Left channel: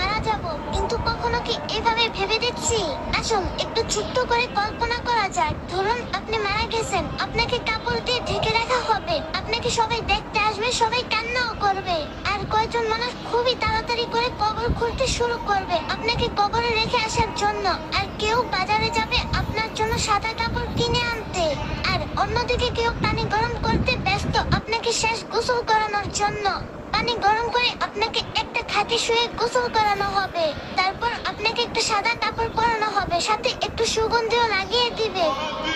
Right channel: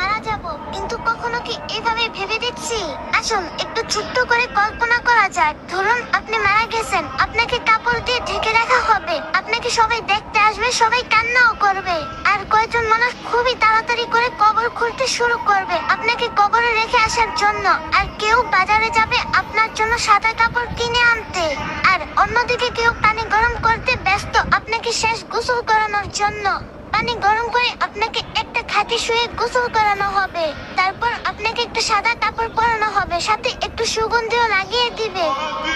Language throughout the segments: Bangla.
মারা যাব, কিন্তু কখনো কি এভাবে ভেবে দেখছি? আসুন একটু ছোট্ট করে কল্পনা করা যাক। ধরুন আপনি মারা গেছেন, আপনাকে কাপড় দিয়ে ঢেকে রাখা হবে, আপনাকে সবাই দেখতে আসবে, সবাই কান্নাও করবে, আর কয়েকজন মানুষ খুবই তাড়াতাড়ি করে কবর খুঁড়তে শুরু করবে আপনাকে কবরে রেখে আসার জন্য। আর কেউ বাজারে যাবে আপনার জন্য সাদা কাপড় কিনে আনতে, আর অন্যদিকে কেউ পানি গরম করতে ব্যস্ত আপনাকে শেষ গোসল করানোর জন্য। পানি গরম করে আপনাকে একটা খাটে শুয়ে গোসল করানো হবে, তারপর আপনাকে একটা সাদা কাপড় পরানো হবে, সাথে একটু সুগন্ধিও লাগিয়ে দিবে।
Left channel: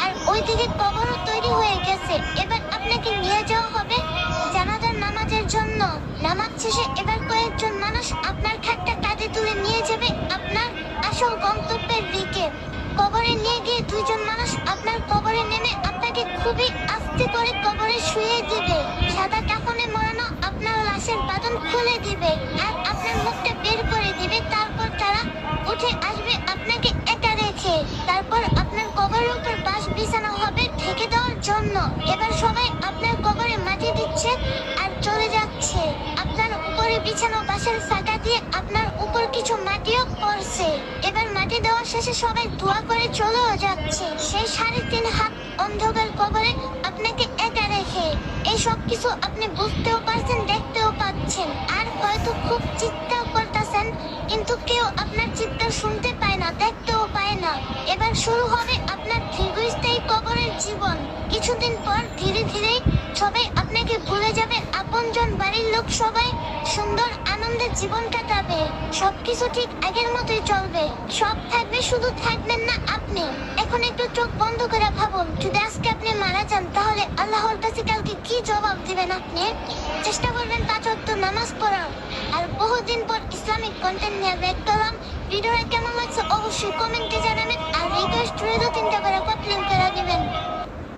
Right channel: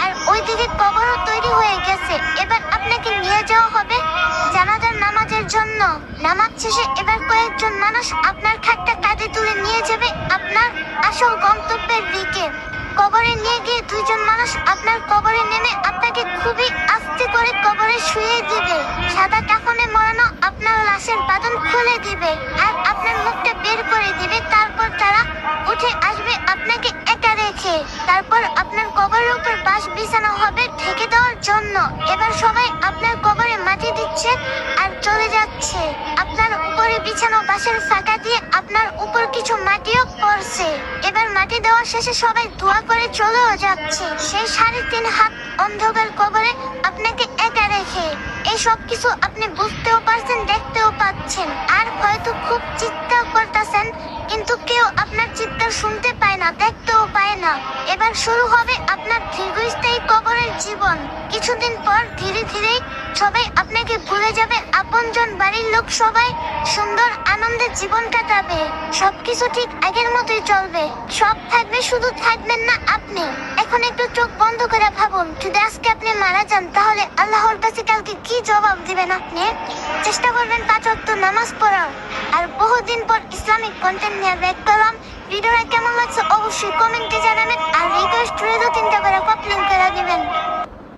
আর ওইদিকে কবরও তৈরি হয়ে গেছে। এবার আপনাকে নিয়ে যাওয়া হবে জানাজার নামাজের জন্য। নামাজ শেষে এবার কয়েকজন মানুষ আপনার খাটটা কাঁধে তুলে নিয়ে যাবে আপনার আসল গন্তব্যের দিকে। কবরে নিয়ে গিয়ে দুইজন মানুষ আপনার কবরে নেমে আপনাকে খুবই আস্তে করে কবরে শুয়ে দিবে। সাদা কাফনে মোড়ানো আপনার লাশের বাঁধন খুলে দিবে আর আপনার মুখটা বের করে দিবে। তারপর তারা উঠে আসবে আপনাকে একা রেখে। তারপর আপনার কবরের উপর বাঁশ বিছানো হবে ঢেকে দেওয়ার জন্য। এবার সবাই আপনার কবরে মাটি দিচ্ছে আর চলে যাচ্ছে। আপনার উপরে বিছানো বাঁশের ফাঁকা দিয়ে আপনার উপর কিছু মাটিও পড়ছে। এবার মাটি দেওয়া শেষে সবাই দোয়া করে চলেও যাচ্ছে সেই 3.5 হাত অন্ধকার কবরে আপনাকে একা রেখে। এই সব কিছু আপনি বুঝতেও পারছেন, দেখতেও পাচ্ছেন, আর হয়তো খুব চিৎকার করতেছেন, কিন্তু কেউ আপনার চিৎকার শুনতে পায় না, দেখতেও পায় না। এবার শুরু হবে আপনার দীর্ঘস্থায়ী কবরের জীবন। কিছুদিন পর ধীরে ধীরে সবাই আপনাকে ভুলে যাবে, আপনজন বাড়ির লোক সবাই সুন্দর আনন্দে জীবন কাটাবে। সবকিছু ঠিক আগের মতোই চলবে, সব থাকবে, শুধু থাকবেন না আপনি। এখন একটু চোখ বন্ধ করে ভাবুন, যদি আজকে আপনি মারা যান তাহলে আল্লাহর কাছে কালকে কি জবাব দিবেন আপনি? চেষ্টা করবেন 5 ওয়াক্ত নামাজ পড়ার। আর বহুদিন পর ইসলামিক কন্টেন্ট নিয়ে ব্যাক করলাম। ভিডিওটা কেমন লাগছে অবশ্যই কমেন্টে জানাবেন। আর রিকোয়েস্ট রইল 3